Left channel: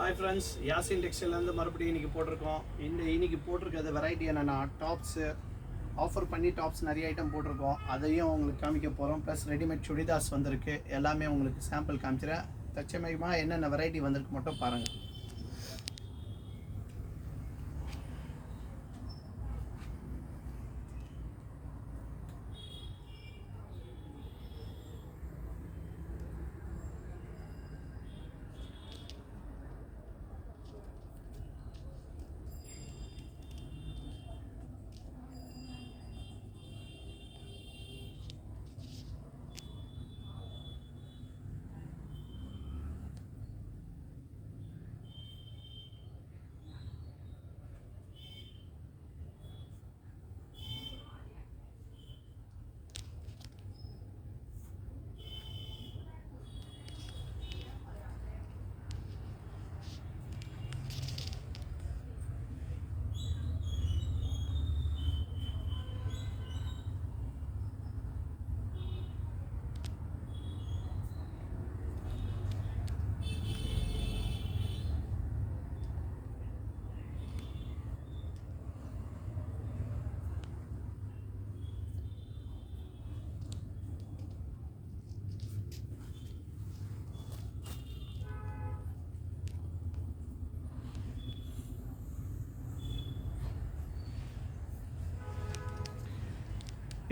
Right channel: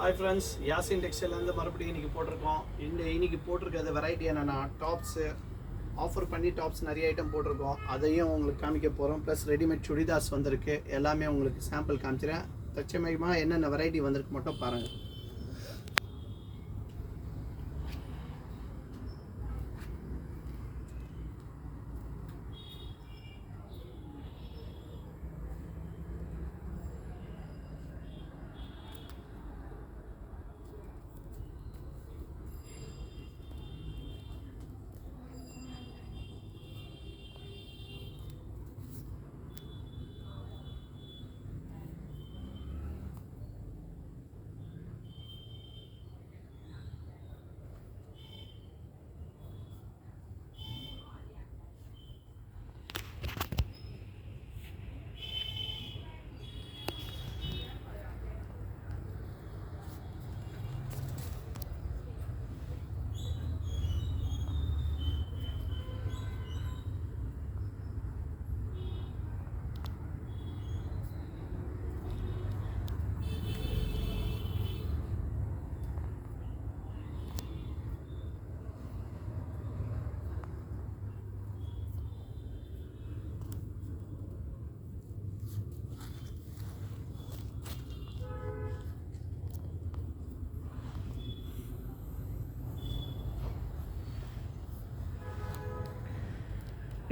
Hi friends, Yasin டெக்ஸ்டைலேருந்து மறுபடியும் இன்றைக்கி போட்டிருக்கோம். இன்றைக்கி போட்டிருக்கிறது வெரைட்டி என்னென்னா டாப்ஸு ஆஃபர் பண்ணி டாப்ஸ் நிறைய ஐட்டம் போட்டிருக்கோம். அதையும் உங்களுக்கு காமிக்க போகிறோம். ப்ளஸ் ரெடிமேட் சுடிதார்ஸ் வந்திருக்கு. எல்லாமே உங்களுக்கு சாம்பிள் காமிச்சிடறேன். தச்சமயமாக என்னென்ன வெரைட்டி வந்திருக்கு மட்டும் பாருங்கள்.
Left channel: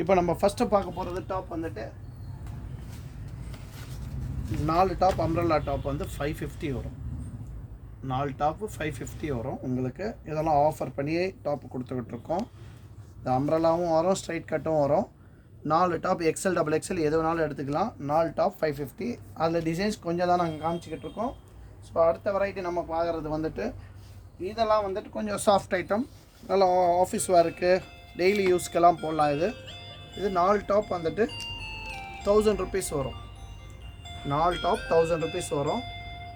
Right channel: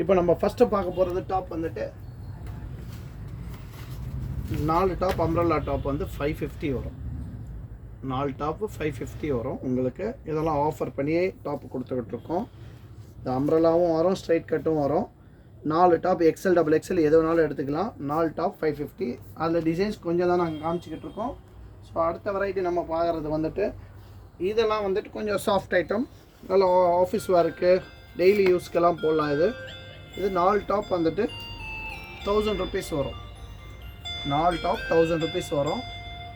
இப்போ நம்ம ஃபஸ்ட்டு பார்க்க போகிறது டாப் வந்துட்டு 4 டாப் அம்ப்ரெல்லா டாப் வந்து 550 வரும். 4 டாப்பு 550 வரும் உங்களுக்கு. இதெல்லாம் ஆஃபர் பண்ணி டாப்பு கொடுத்துக்கிட்டுருக்கோம். இந்த அம்ப்ரெல்லாவும் வரும், ஸ்ட்ரைட் கட்டும் வரும். 4 டாப் எக்ஸ்எல் டபுள் எக்ஸ்எல் எது வேணாலும் எடுத்துக்கலாம். 4 டாப் 550. அதில் டிசைன்ஸ் கொஞ்சம் தான் நாங்கள் காமிச்சிக்கிட்டு இருக்கோம். ஸோ அடுத்த வெரைட்டி நம்ம பார்க்குறது வந்துட்டு இதெல்லாம் வந்துட்டு கொஞ்சம் சாஃப்ட் ஐட்டம், நல்லா ஆஃபீஸ் ஒர்க்கு டெய்லி யூஸ்க்கெல்லாம் போடலாம். இது 4 டாப் வந்துட்டு 1000 ருபீஸ் வரும். 4 டாப் 1000 ருபீஸ் வரும்.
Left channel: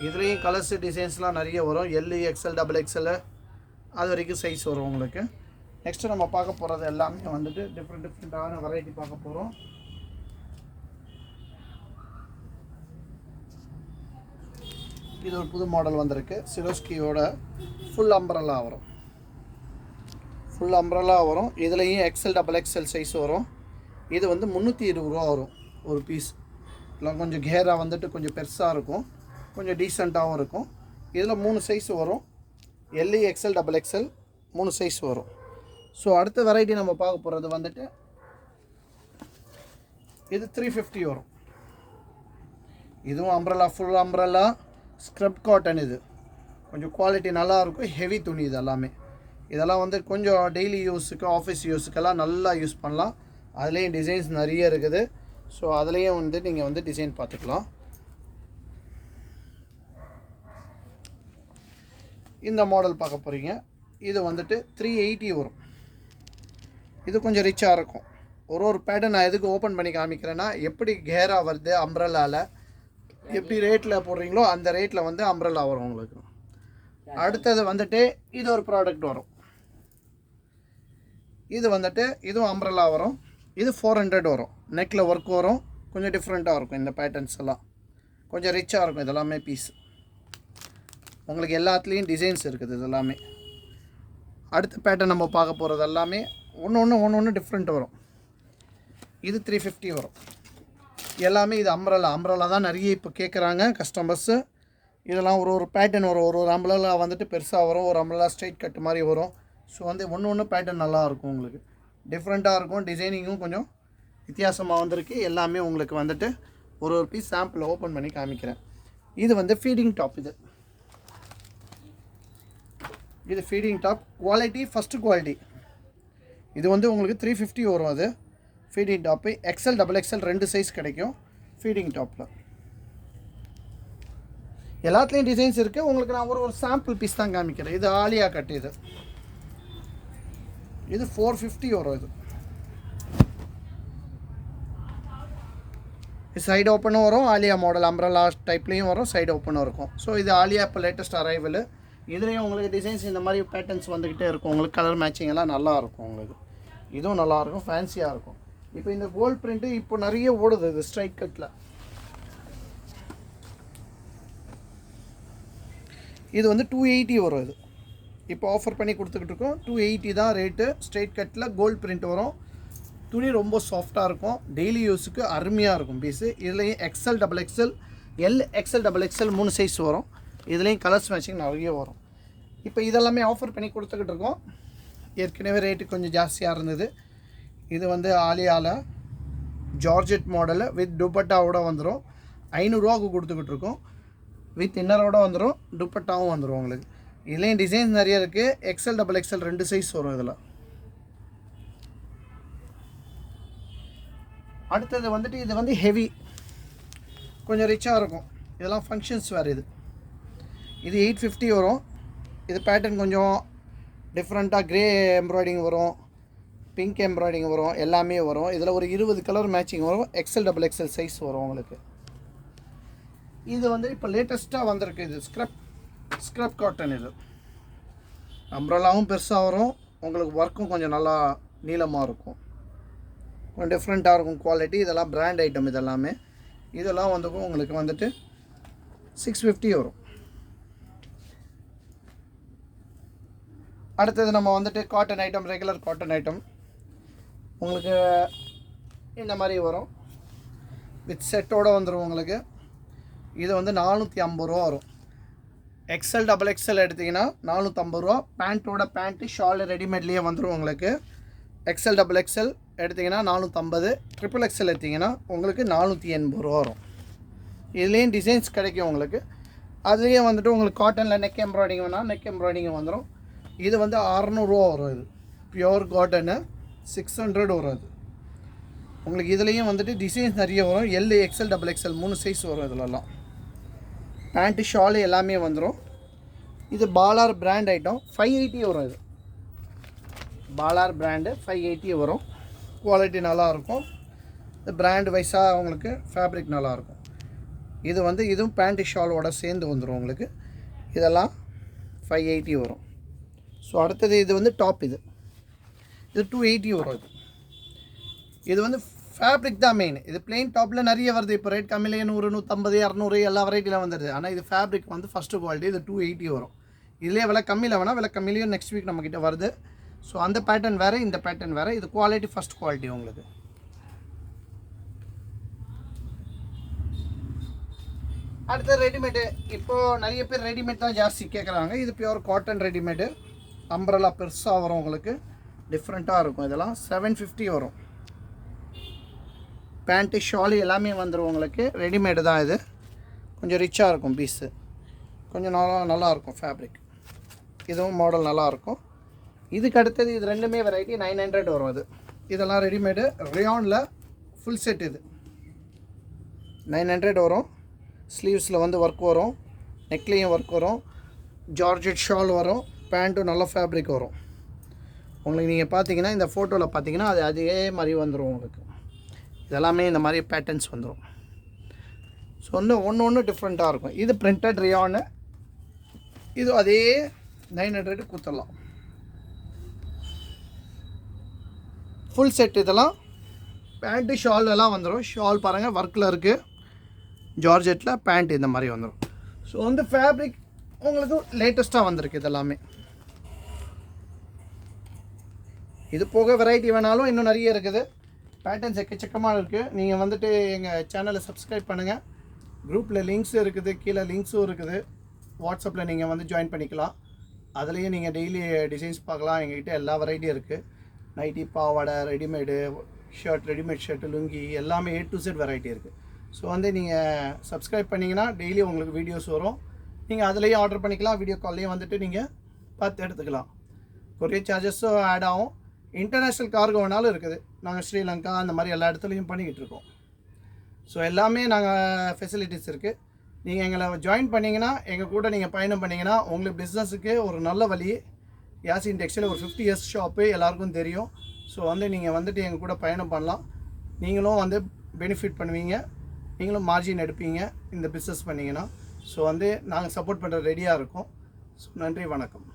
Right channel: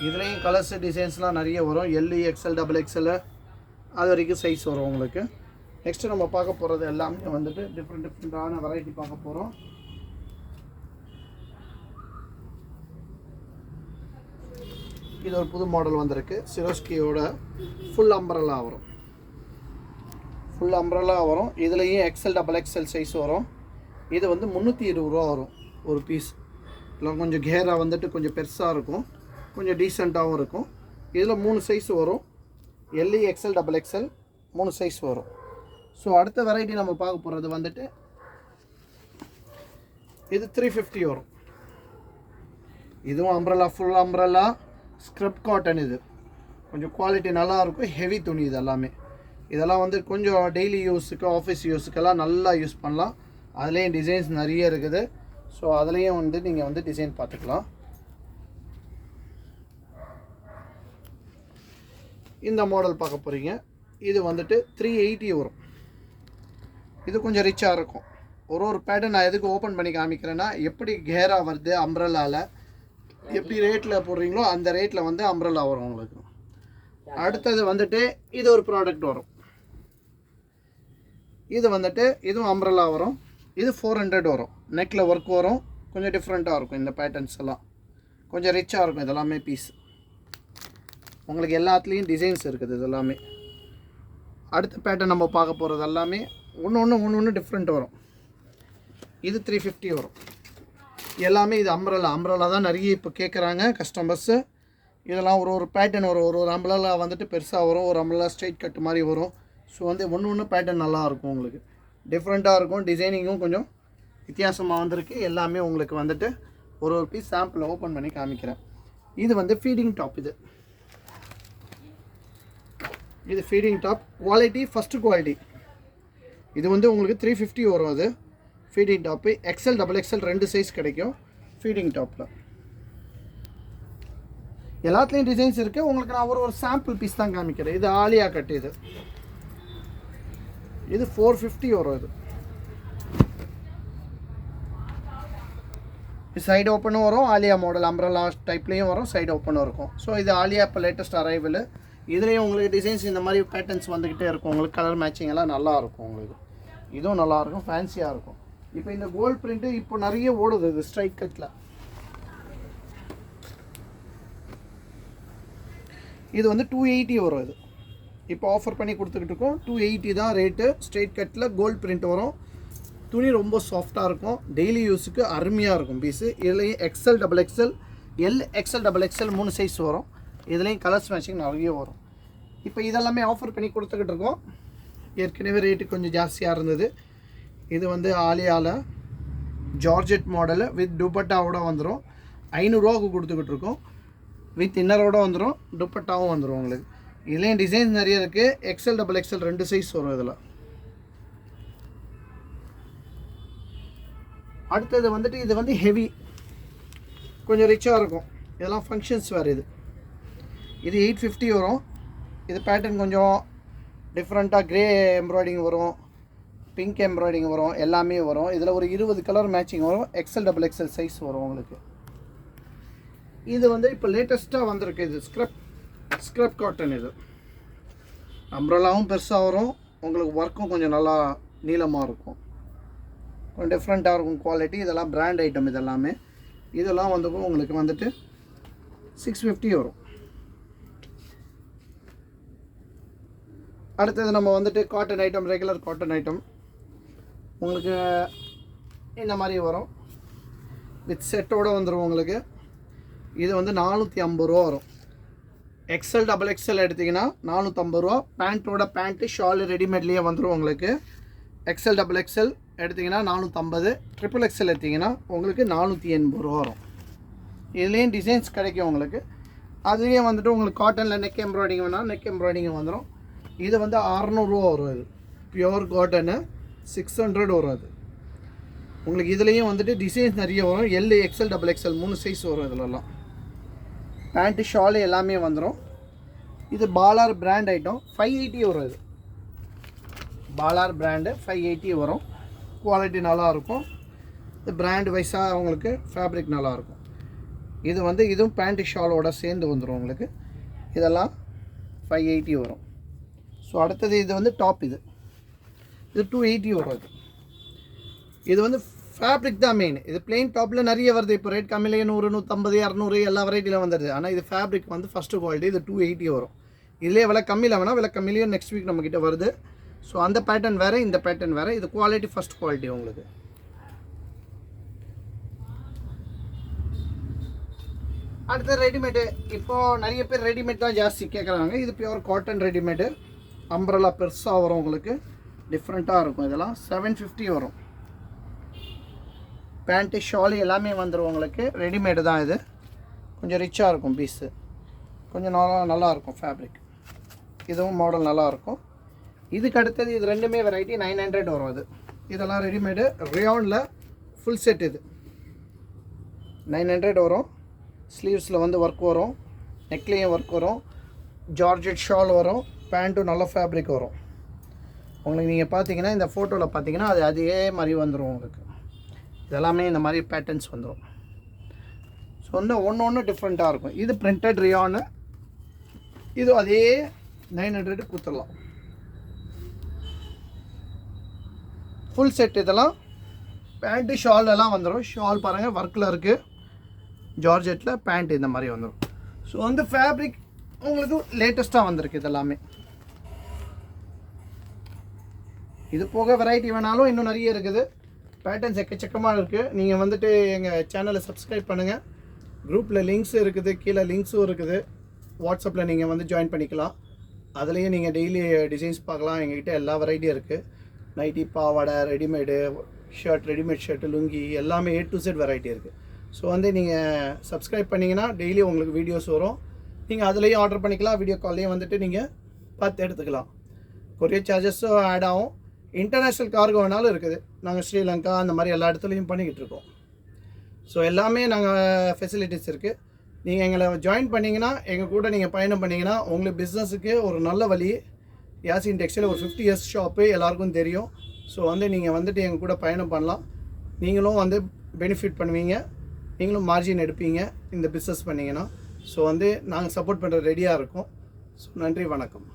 இதுலேயும் கலர்ஸு டிசைன்ஸ்லாம் நிறைய வரும். எல், எக்ஸ்எல், டபுள் எக்ஸ்எல் அது வரைக்கும் சைஸ் வரும் உங்களுக்கு. நெக்ஸ்ட்டு நம்ம பார்க்க போகிறது எல்லாமே வந்துட்டு டிஃப்ரெண்ட்டான வெரைட்டி பார்க்க போகிறோம். இது ஒரு புது மாடல் வந்திருக்கு. சிரோஸ்கியோட ஃபுல் அம்ப்ரெல்லா வரும். ஃபுல் அம்ப்ரெல்லா வரும். இதுலேயும் எக்ஸ்எல் டபுள் எக்ஸ்எல் சைஸ் வரும். இது வந்து 320 ரூபா வரும் ஒரு பீஸ். இல்லை கொஞ்சம் கேராக வந்துட்டு கொஞ்சம் பெருசாக இருக்கும், கொஞ்சம் டீசெண்டாகவும் இருக்கும். இதில் 3 சைஸ் வரும். L, XL, double XL 3 size வரும். ஸோ அடுத்த வெரைட்டி நம்ம பார்க்க போகிறது வந்துட்டு இது 350 வரும். இதுவும் umbrella, full umbrella scrub cotton. இது கொஞ்சம் குவாலிட்டி நல்லாயிருக்கும். ஹெவி துணி இது எல்லாமே. இதெல்லாம் வந்து கொஞ்சம் டெய்லி யூஸுக்கு, ஆஃபீஸ் யூஸுக்கெல்லாம் நல்லா யூஸ் பண்ணலாம். அதுலேயும் டிசைன்ஸ் நிறைய இருக்குது. ஸோ அதுலேயும் வந்து நீங்கள் வந்து டிசைன் பார்த்துக்கலாம். இந்த மாடல் பார்க்க போகிறீங்க. இது வந்துட்டு 380 வரும். இது கொஞ்சம் ரிச்சாக இருக்கும். ஒரு பேட்டர்ன் நான் எதுக்கு ஓப்பன் பண்ணி காமிக்கிறேன்னா, எப்படி கேராக வருது அம்ப்ரெல்லாவில், எப்படி ரேட்டில் போடுறீங்களோ அந்த ரேட்டில் வந்து அம்ப்ரெல்லா வரும் உங்களுக்கு. அடுத்தது வந்துட்டு இது ஒரு ப்ராடக்ட் வரும். இது வந்துட்டு இதுவும் அம்ப்ரெல்லா வரும். இது 400 வரும். நெக்கில் ஒர்க் வரும். கொஞ்சம் டிஃப்ரெண்ட்டாக இருக்கும். இந்த பேட்டர்ன்ஸ் எல்லாம் கொஞ்சம் ரிச்சாக இருக்கும். இதெல்லாமே பீஸ் உங்களுக்கு எல்லாத்துலேயும் டிசைன்ஸ் இருக்குது. இது எல்லாமே அடுத்த பேட்டர்ன் நம்ம பார்க்க போகிறது எல்லாமே ஒன்று டிஃப்ரெண்ட் வரும். இது 350 வரும். எல்லாமே இது அம்ப்ரெல்லா தான் நிறைய இப்போ கேட்குறாங்க கஸ்டமர்ஸு. இதெல்லாம் ஒரு பேட்டர்ன் வரும். ஒரு அம்ப்ரெல்லா வந்துட்டு பெருசாக வரும், ஒரு அம்ப்ரெல்லா ஸ்ட்ரைட் கட் மாதிரி வரும். ஸோ வந்து ஒன்று பேட்டர்ன் நல்லாயிருக்கும் உங்களுக்கு. டிஃப்ரெண்ட்டாக இருக்கும். டிசைனிங்கும் கொஞ்சம் வித்தியாசமாக வந்திருக்கு. எல்லாமே உங்களுக்கு வந்துட்டு ஒரு பீஸ் சாம்பிள் ஓப்பன் பண்ணி காமிக்கிறேன். இது வந்து ஃபீடிங் டாப். இது feeding top. Quality first quality. இது வந்து உங்களுக்கு 350 வரும். அது feeding top. XL double XL 2 size கிடைக்கும் ஃபீடிங் டாப்பில். எல்லாத்துலேயும் டிசைன்ஸ் இருக்குது. உங்களுக்கு நான் ஒரு சாம்பிள் பீஸ் தான் காமிக்கிறேன். இது ஆலியா கட். இது 450 வரும். இது சைடு ஓப்பனும் வரும். ஆலியா மாடல் அம்ப்ரெல்லா டைப்லேயும் வரும், சைடு ஓப்பனும் இருக்கும். ஸோ இது ஆலியா இப்போ லேட்டஸ்ட் அரைவல். இதுலேயும் உங்களுக்கு டிசைன்ஸ் இந்த மாதிரி பேட்டர்ன்ஸ் வந்துக்கிட்டே இருக்கும். உங்களுக்கு கலர் மேட்சிங் எல்லாம் நல்லாயிருக்கும். உங்களுக்கு இதுவும் நல்லாயிருக்கும், ஃபேன்சியாக இருக்கும். இப்போ இந்த கோல்ட் பிரிண்ட்டு இப்போ நிறைய ஓடுது. இது ஸ்ட்ரைட் கட்டில் இது வந்து 280 வரும். இது இப்போ ஆஃபர் பண்ணி கொடுத்துக்கிட்டு இருக்கோம். 280 தான் ரேட்டு. ஸ்ட்ரைட் கட்டில் கோல்ட் பிரிண்ட் வரும். துணி ரொம்ப சாஃப்டாக இருக்கும். டெய்லி யூஸுக்கு அருமையாக இருக்கும் பீஸு. இதுலேயும் XL XXL L XL XXL 3 size வரும். இதுலேயும் கலர்ஸ் மேட்சிங் நிறைய வரும். இப்போ இதெல்லாமே ஆஃபர் பண்ணி கொடுத்துக்கிட்டு இருக்கோம். ஏற்கனவே ரேட்டு கொஞ்சம் ஜாஸ்தியாக இருந்தது. இது வந்து ஆலியாவில் ஜார்ஜெட் மாடலில் வித் துப்பட்டாவோட வந்துடும். 500 ரூபாவுக்கு கொடுத்துக்கிட்டு இருக்கோம். வித் இன்னரோட வந்துடும், துப்பட்டாவும் வந்துடும் உங்களுக்கு. இதுலேயும் டிசைன்ஸ் நிறைய இருக்குது. XL XXL 2 சைஸ் வரும் இதில். அடுத்தது வந்துட்டு இது வந்து ஹெவி, கொஞ்சம் ரிச்சாக இருக்கும். இதெல்லாம் ஃபங்க்ஷன்ஸ் வேறு. இது 850 வரும். இது பேட்டர்ன் கொஞ்சம் டிஃப்ரெண்ட்டாக க்ரே எம்ப்ராய்டிங் வரும், பிங்க் எம்ப்ராய்டிங் வரும், எல்லாமே வரும். இதில் ஒரு 20 கலர் மேட்சிங் வரும். XL XXL சைஸ் வரும் உங்களுக்கு. இது வந்து இப்போ லேட்டஸ்ட்டாக வந்திருக்கு. இது ஸ்க்ரப் காட்டன். இது அம்ப்ரெல்லாவும் பெருசாக வரும். உங்களுக்கு ஒர்க்கும் கொஞ்சம் நல்லா நீளமாக இருக்கும். கொஞ்சம் டிஃப்ரெண்ட்டாக இருக்கும் குவாலிட்டி. இதெல்லாம் பிராண்ட் ஐட்டம். இதெல்லாம் வந்து உங்களுக்கு வந்துட்டு 650 வரும். அடுத்தது நம்ம வந்துட்டு cotton item, regular cotton item உங்களுக்கு இந்த மாதிரி வரும். வித் செட்டோடு வந்துடும் உங்களுக்கு. இது வந்து 450 ரூபா வரும். XL XXL எடுத்திங்கன்னா 450 ரூபா. பேண்ட்டோட பேண்ட்டு ஷாலு ரெடிமேட்லேயே வந்துடும் உங்களுக்கு. XL XXL எடுத்திங்கன்னா 450. XXL எடுத்திங்கன்னா உங்களுக்கு 480 ரூபா வரும். இதுலேயும் டிசைன்ஸ் கிடைக்கும் உங்களுக்கு. அதுலேயும் வந்துட்டு உங்களுக்கு காட்டனில் நெக் எம்ப்ராய்டிங் வேணால் நெக் எம்ப்ராய்டிங் வந்துடும். இது வந்து 600 ரூபா வரும். இது பியோர் காட்டனு 600 வரும். அது உங்களுக்கு இதுலேயும் வந்துட்டு டிசைன்ஸ் நிறைய வரும். எல் XL XXL 3 சைஸ் வரும். இதிலெல்லாம் பேண்ட்டு ஷாலு எல்லாமே வந்துடும். இது பாலார் பிராண்ட் ஐட்டம். 580 வரும். இது பாலார் பிராண்டு 580 வரும். குவாலிட்டி நல்லாயிருக்கும். இது பிராண்ட் வைஸாக அவங்களுக்கு ஃபேப்ரிக் நல்லாயிருக்கும். இது வந்து இதுவும் பேண்ட்டு ஷாலோட சேர்ந்து வந்துடும் உங்களுக்கு. இதெல்லாம் 580 வரும். ஸோ அடுத்தது இது வந்து டாப். இது 280 வரும். இது வந்து ஃபேப்ரிக் தான் மெயின். இது பிளெயின் டாப்பில் நிறைய வருது. இப்போ ரேட் கம்மியிலே 100, 150, 200 எல்லா வெரைட்டியில் வந்துடுது. ஆனால் இது ஃபேப்ரிக் வந்து ஃபஸ்ட்டு குவாலிட்டி. இது 280 வரும். இதிலே விலை கம்மியில் வேணால் விலை கம்மியிலையும் நெக்ஸ்ட் வீக் நம்மக்கிட்ட வருது. ஸோ அந்த பேட்டர்ன் வேறு, இந்த பேட்டர்ன் வேறு. இது குவாலிட்டி ஃபஸ்ட் குவாலிட்டி உங்களுக்கு. அடுத்து ரெடிமேடு. இப்போது நிறைய பேர் ரெடிமேட் தான் ஜாஸ்தி கேட்குறாங்க. இது பியூர் காட்டன் ரெடிமேடு. அம்பரலா பெருசாக வரும் உங்களுக்கு. டிஃப்ரெண்ட்டாக இருக்கும். இதெல்லாம் 750 வரும். பேண்ட்டு ஷாலு எல்லாமே வந்துடும் உங்களுக்கு. ரெடிமேடு தான். இது கொஞ்சம் ரிச்சாக இருக்கும் பீஸு. கொஞ்சம் நல்லாயிருக்கும் ஃபேப்ரிக். இதுவும் மாடல் நல்லாயிருக்கும். இதுக்கு அடுத்தது இது ரெண்டுமே வெரைட்டி 900 வரும். இதெல்லாம் ரெடிமேடு ரியானில் ஃபுல் செட். இது 900 வரும். ஸ்லீவ்ஸில் வந்து ஒர்க் வரும், நெக்லேயும் ஒர்க் வரும், ஜார்ஜெட் ஷால் வரும், பேண்ட்டும் நல்ல ஃபேப்ரிக் வரும் உங்களுக்கு. நீங்கள் பார்த்தீங்கன்னா இந்த ஃபோட்டோவில் பார்த்தீங்கன்னா அதே மாதிரி வந்துடும் உங்களுக்கு. இதெல்லாமே இந்த மாதிரி பேட்டர்ன்ஸ் வந்துடும். ஸோ ஒன்று டிஃப்ரெண்ட்டாக இருக்கும். இது பிரிண்டட் ரியானு. இது அதே 900 கொடுத்துடலாம். Full set. இதெல்லாம் பேண்ட்டு ஷால் எல்லாம் வந்துடும். ஷால் பாருங்கள் ஒர்க்கில் இருக்குது. ஜார்ஜெட்டில் பேண்ட் இந்த மாதிரி வந்துடும். ஸோ வந்து ஃபேப்ரிக் உங்களுக்கு லேட்டஸ்ட்டாக வந்திருக்கு. இதெல்லாமே இது போக வெரைட்டி வேணாலும் இன்னும் நிறைய இருக்குது. பேட்டர்ன்ஸ் எக்கச்சக்கமாக இருக்குது. நீங்கள் வந்துட்டு எங்கள் சேனலை சப்ஸ்கிரைப் பண்ணுங்கள். குரூப்பில் லிங்க்ஸ் இருக்குது, கீழே லிங்க்ஸும் இருக்குது. வாட்ஸ்அப்பில் நீங்கள் வந்து ஜாயின் பண்ணிக்கலாம். அதுலேயும் நீங்கள் டெய்லி டிசைன்ஸ் பார்க்கலாம். எங்கள்கிட்ட எல்லா வெரைட்டியும் இருக்குது. நைட்டி, பாவாடை, readymade shirt, readymade shirt, lungi எல்லாமே A to Z வெரைட்டி இருக்குது. ஸோ வந்து நீங்கள் சப்ஸ்கிரைப் பண்ணிங்கன்னா டெய்லி உங்களுக்கு வீடியோஸ் வரும். நீங்கள் அதுலேயும் ஆர்டர் பண்ணிக்கலாம். வீடியோ கால்லையும் வந்துட்டு நீங்கள் பார்த்து எடுத்துக்கலாம். கொரியர் சார்ஜஸும் ஆட் ஆகும். இன்டர்நேஷ்னல் கார்கோ வேணாலும் இருக்குது. நாங்கள் ஸ்ரீலங்கா அந்த மாதிரி எல்லா இடத்துலையும் பண்ணிக்கிட்டு இருக்கோம். ஸோ எல்லாமே நாங்கள் ஃபெசிலிட்டிஸ் இருக்குது. நீங்கள் எங்களை ஜாயின் பண்ணிங்கன்னா, எங்கள் கூட நீங்கள் பயணம் பண்ணிங்கன்னா உங்களுக்கு பிஸ்னஸுக்கு ஒரு நல்ல வழி. யாசின் டெக்ஸ்டைல் ஒரு 50 years ஷாப்பு எல்லாருக்கும் தெரியும். ஸோ வந்து நீங்கள் வந்துட்டு எங்கள் கூட பயணம் பண்ணலாம். நீங்களும் வந்து பெனிஃபிட் பண்ணுவீங்க. நீங்களும் மார்ஜின் எடுப்பீங்க இந்த பிஸ்னஸ் பண்ணிங்கன்னா. ஸோ வந்து நாங்கள் சப்போர்ட் பண்ணுற ரெடியாக இருக்கோம். ஸோ நன்றி, வணக்கம்.